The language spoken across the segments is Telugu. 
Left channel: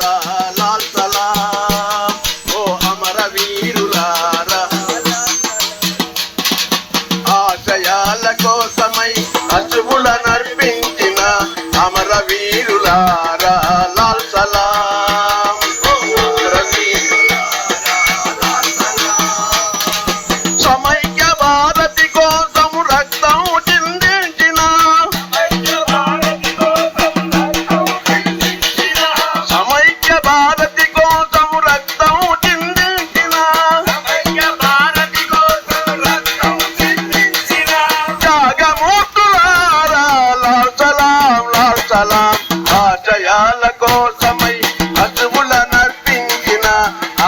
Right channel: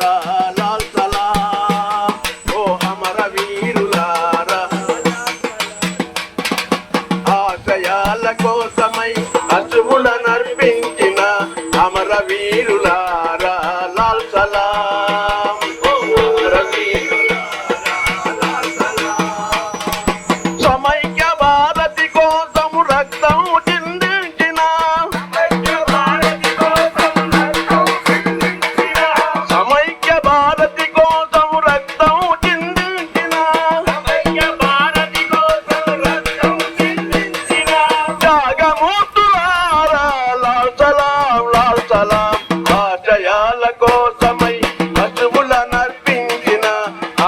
లాల్ సలాం ఓ అమర వీరులారా ఆశయాల కోసమై అశ్రువుల నర్పించిన అమర వీరులారా లాల్ సలాం ఓ అమర సమైక్య భారతి కోసం రక్తం చిందించిన సమైక్య భారతి కోసం రక్తం చిందించిన త్యాగమూర్తులారా లాల్ సలాం ఆశయాల కోసమై అశ్రువుల నర్పించిన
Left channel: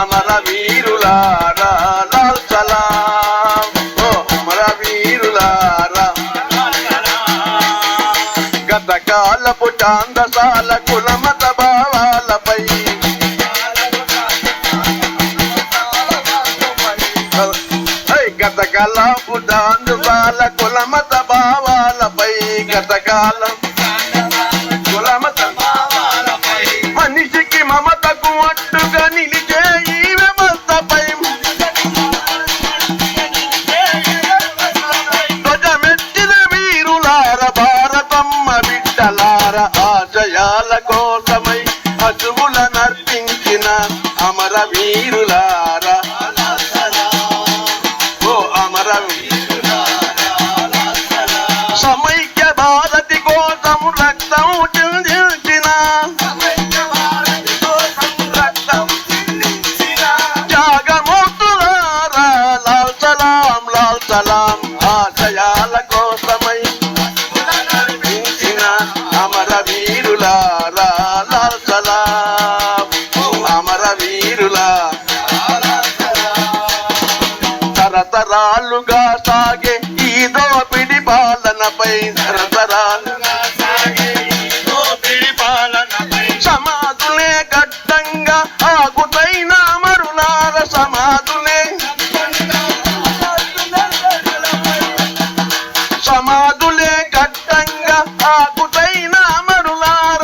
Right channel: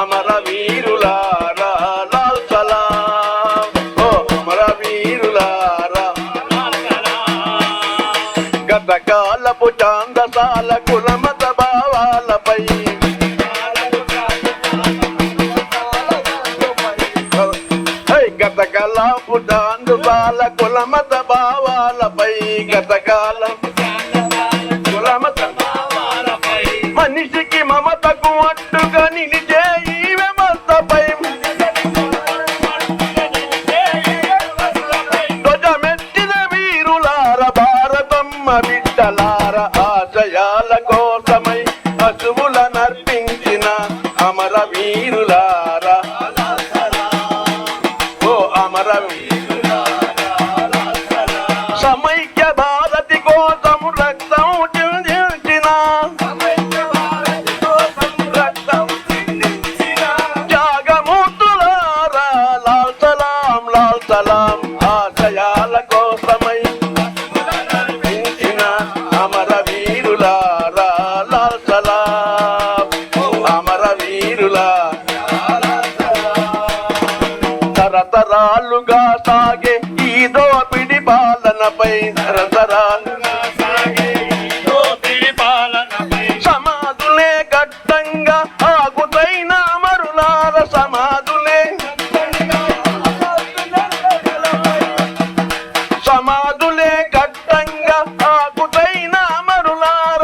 అమర వీరులారా లాల్ సలాం ఓ అమర వీరులారా గతకాలపు చాందసాల కులమత భావాలపై గతకాలపు చాందసాల కులమత భావాలపై గతకాలం కులమత మనిషికి మమతకు అట్టుగా నిలిచే ఈ వ్యవస్థపై ధ్వజమెత్తిన వీరులార భారతమ్మ బిడ్డలార ఆశయాల కోసమై అసువుల నర్పించిన అమర వీరులార ఓ అమర సమైక్య భారతి కోసం రక్తం చిందించిన త్యాగమూర్తులారా లాల్ సలాం ఆశయాల కోసమై అమర వీరులారా లాల్ సలాం అమర వీరులా తరతరాలుగా సాగే ఈ దోపిడి పాలనపై సమాధులే ఘట్టంగా ఆగుతైన అమరులార సమాధులే ఘట్టంగా ఆగుతైన అమరులార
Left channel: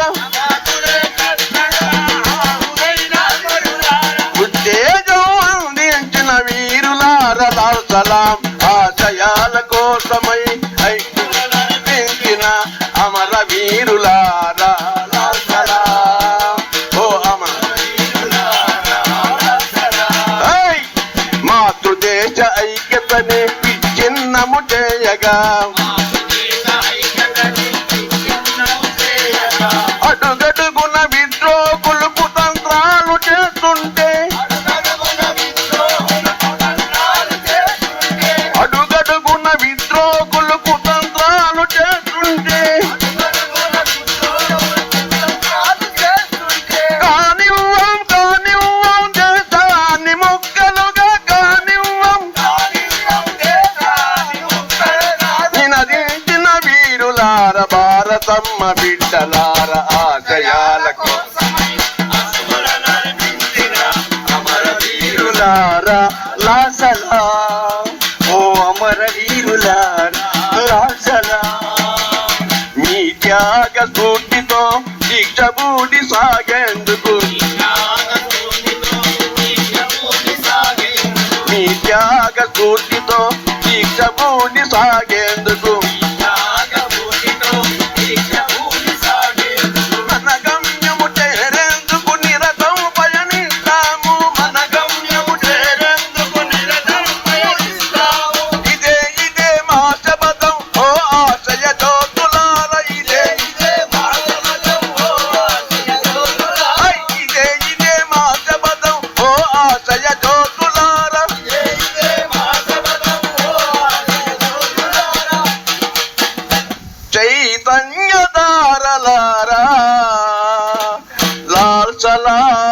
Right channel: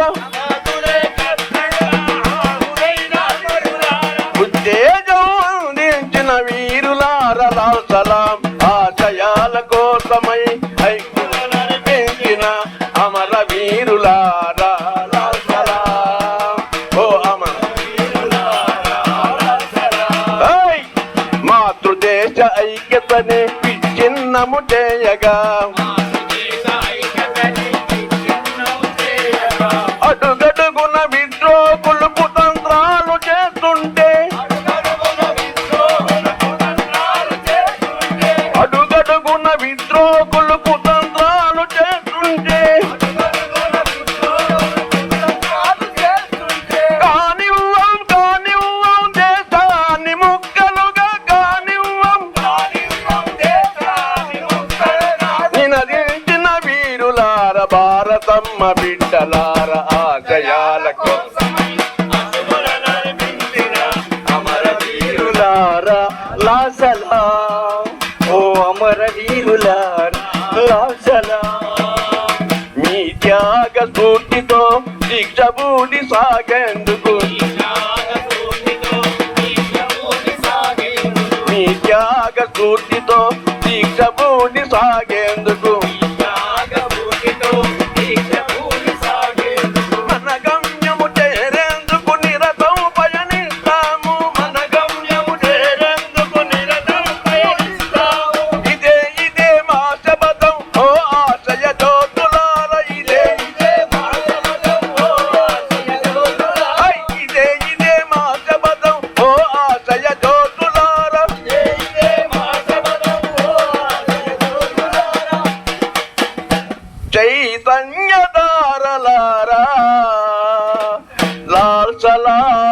ఉత్తేజం అందించిన వీరులార లాల్ సలాం ఆశయాల కోసమై పెంచిన అమర వీరులారా లాల్ సలాం ఓ అమర మాతృదేశ ఐక్యతనే విచ్ఛిన్నము చేయగా అడుగడుగున విద్రోహులు కుతంత్రాలు చేస్తుంటే అడుగడుగున విద్రోహులు కుతంత్రాలు చేస్తుంటే కానివ్వం దేశాన్ని ముక్కలుగా కానివ్వం నినదించిన వీరులార భారతమ్మ బిడ్డలార ఆశయాల కోసమై అమర వీరులారా లాల్ సలాం ఓ అమర వీరులారా లాల్ సలాం మీ త్యాగ స్ఫూర్తితో దీక్షభూడి సాగేందుకు మీ త్యాగ స్ఫూర్తితో దీక్షభూడి సాగేందుకు మన గమ్యము చేరేందుకు నిరతం పయనిస్తాము ఇదే మా శపథం ఓ ఆశయ జ్యోతులార ఇదే మా శపథం ఓ ఆశయ జ్యోతులార చైతన్యదారలారా లాల్ సలాం